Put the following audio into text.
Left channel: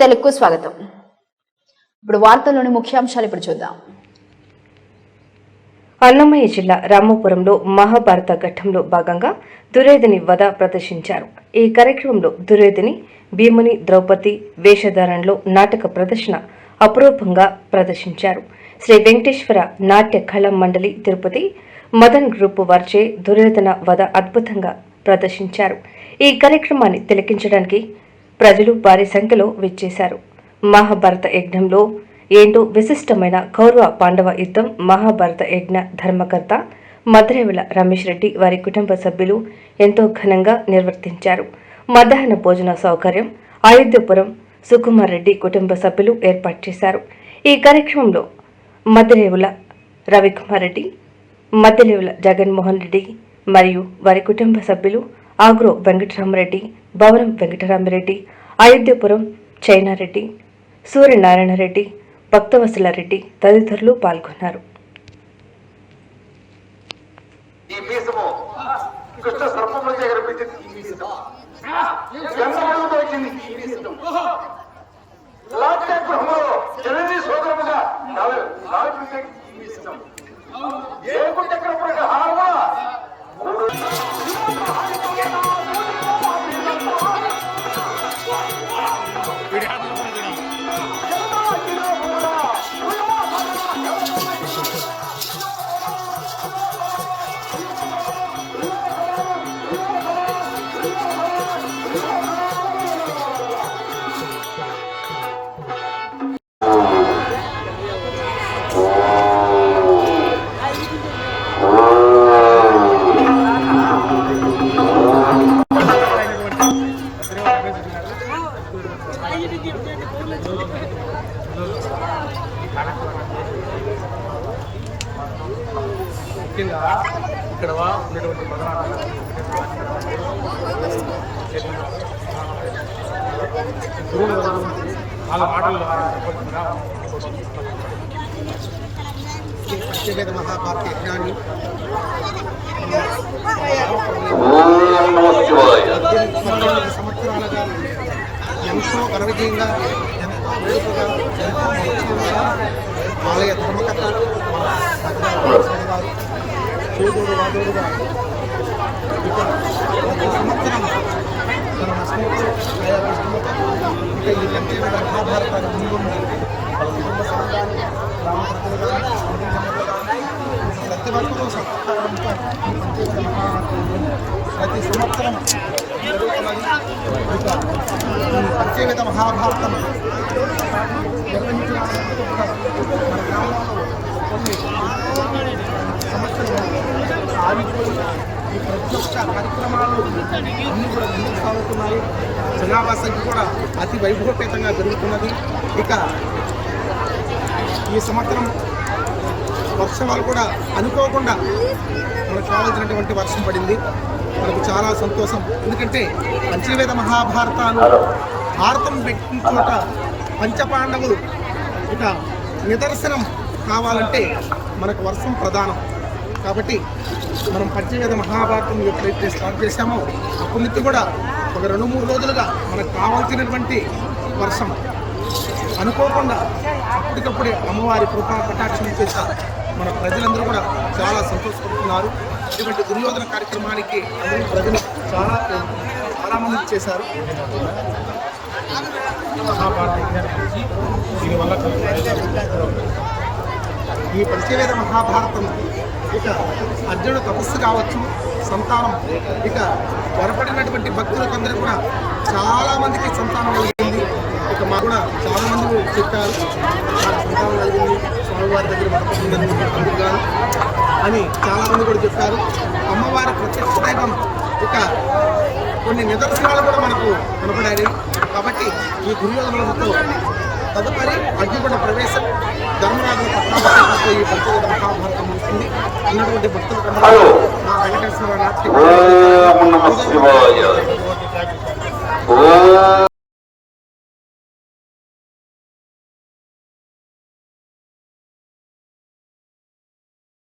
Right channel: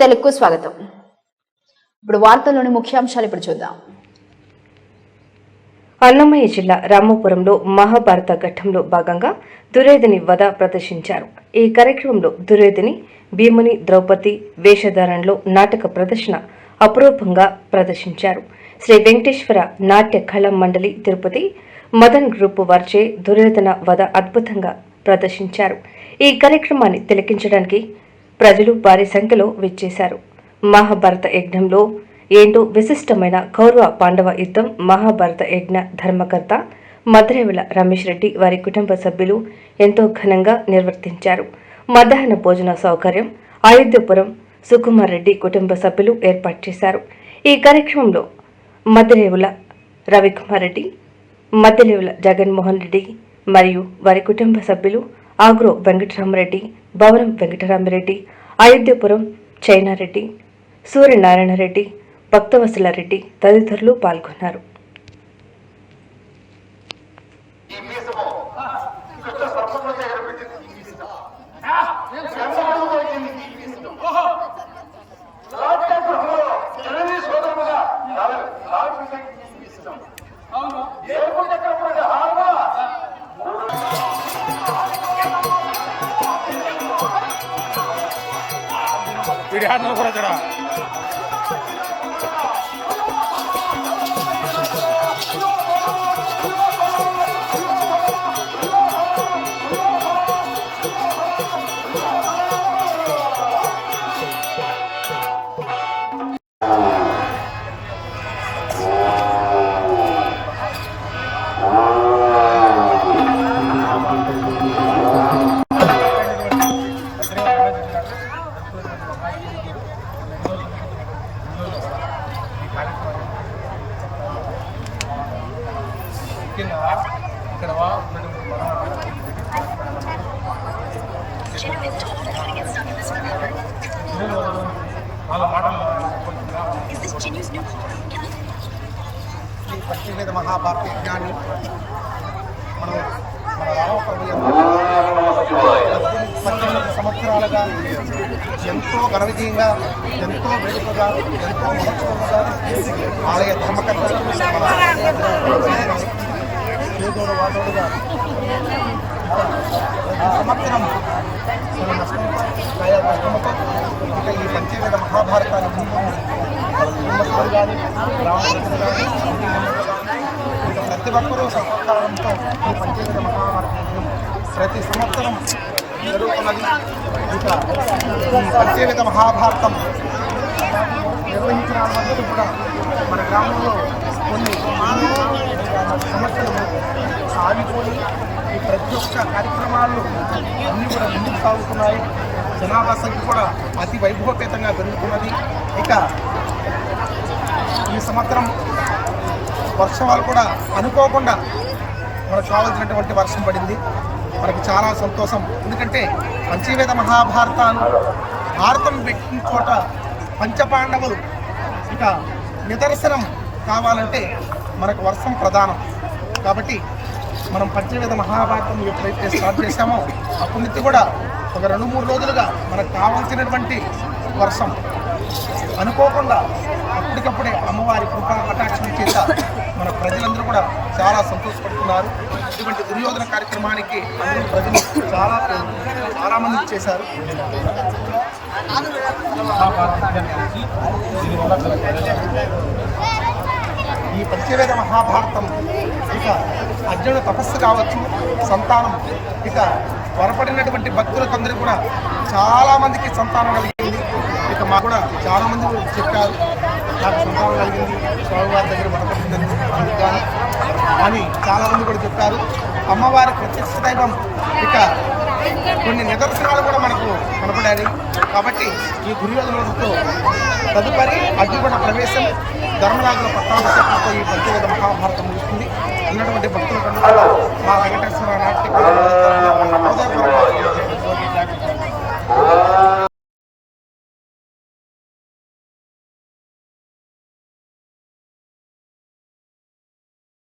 తెలుగుకు స్వాగతం. ఇప్పుడు వార్తల్లోని ముఖ్యాంశాలు ఇప్పుడు చూద్దాం. అన్నమయ్య జిల్లా రామాపురంలో మహాభారత ఘట్టంలో భాగంగా దుర్యోధని వధ ప్రదర్శించారు. ఈ కార్యక్రమంలో దుర్యోధని, భీముని, ద్రౌపది వేషధారణలో నాటక ప్రదర్శన అపురూపంగా ప్రదర్శించారు. శ్రీ వెంకటేశ్వర నాట్య కళా మండలి తిరుపతి మదన్ గ్రూప్ వారిచే దుర్యోధన వధ అద్భుతంగా ప్రదర్శించారు. ఈ కార్యక్రమాన్ని తిలకించడానికి ప్రజలు భారీ సంఖ్యలో విచ్చేశారు. మహాభారత యజ్ఞంలో ఏంటో విశిష్టమైన కౌరవ పాండవ యుద్ధం మహాభారత యజ్ఞ ధర్మకర్త మద్రేవుల రమేష్ రెడ్డి వారి కుటుంబ సభ్యులు ఎంతో ఘనంగా నిర్వర్తించారు. మధ్యాహ్న భోజన సౌకర్యం అయోధ్యపురం సుకుమార్ రెడ్డి కుటుంబ సభ్యులు ఏర్పాటు చేశారు. ఈ కార్యక్రమంలో మద్రేవుల రవికుమార్ రెడ్డి, మద్రేవుల జగన్మోహన్ రెడ్డి మరియు వారి కుటుంబ సభ్యులు, ఆగ్రో వెంకటరామరెడ్డి, భవనం వెంకటరామరెడ్డి, అయోధ్యపురం చైనారెడ్డి, సూర్యనారాయణ రెడ్డి, భక్తవత్సల రెడ్డి తదితరులు పాల్గొన్నారు. ముఖ్యంగా ఇక్కడ ఉన్నటువంటి మదనాన్న వాళ్ళ మాటలు శ్రీ పంచవేద మహాభారత యజ్ఞాన్ని మనం మన రామప్రభు 18 సంవత్సరాలుగా ఎంతో ఘన విజయంగా, ఎంతో వేడుకగా, ఎంతో మహోత్సవంగా ఆలయ ధర్మకర్తలు మన మద్రాసు గారు చేదోడు వాదోడుగా ఇక ప్రతి సంవత్సరం తన నష్టంతో ఆయా నష్టంతో ఇక ఈ పంచవేద మహాభారతాన్ని ముందు వాళ్ళ కుటుంబ సభ్యులు కానీ, గ్రామ ప్రజలు కానీ, కమిటీ మెంబర్లు కానీ ఇక ప్రతి ఒక్కరూ సహకారంతో ఈ పంచవేద మహాభారత యజ్ఞం ప్రతి సంవత్సరం జరుగుతున్నది. ఇక ఈ పంచవేద మహాభారతం నిర్వహించిన మధ్య కూడా మన గ్రామంలో కొన్ని ఎన్నో సమస్యలు ఆగిపోయి ఈ ప్రతి ఒక్క కార్యక్రమాలు అన్నీ కూడా ముందుకు సాగుతున్నాయి. జనాభా సంఖ్య కూడా అతి వైభవపేతంగా పెరుగుతున్నది. ఇక ఈ సంవత్సరం వర్షాలు కూడా అనుకోకుండా మనకు కావాల్సినటువంటి వర్షం పడింది. మనకు చాలా సంతోషం. ఎందుకంటే పంచవేద మహాభారతాలు భారతం పెట్టిన చోట పంచపాండవులు ఇక నిదర్శనం కావాలంటే మనకు వర్షం ప్రధానం. కాబట్టి మనం పంచవేద మహాభారతం ఎప్పుడైతే స్టార్ట్ చేశామో అప్పటి నుంచి కూడా ఒక 2-3 రోజులుగా మనకు కావాల్సినటువంటి వర్షం అనుకోకుండా అప్పటికప్పుడే అమ్మవారి కృపా కటాక్షం చేత మన ప్రజలందరూ కూడా చాలా సంతోషపడుతున్నారు. ఇటువంటి దుర్యోధన కార్యక్రమానికి అందరూ ప్రజలు చాలామంది చేశారు. మహాభారత యజ్ఞాన్ని గురించి దీనివల్ల ఈ పంచవేద మహాభారతం ఇక అర్జునుడు తపస్సు కావచ్చు, సంతానం ఇక వరపడినటువంటి భక్తులకందరూ కూడా చాలామందికి సంతానం కలిగింది. ఇక మాకు కూడా చాలామంది చెప్పారు నాకు సంతానం కలిగింది, స్వామివారి దగ్గర వరపడింది అందుకు గాను అని చాలామంది కూడా చెప్పారు. అమ్మవారి ప్రత్యక్ష దైవం ఇక కొన్ని నిదర్శనాలు కూడా మనకు కనపడాయి. కాబట్టి ఈ దుర్యోధనులతో తదుపరి అర్జునుడ ప్రవేశం, ధర్మరాజుల పట్టాభిషేకంతో ఈ పంచవేద మహాభారతం ముగుస్తుంది. ఉన్నటువంటి భక్తులకు అందరూ మా వెంకటేశ్వర నాట్య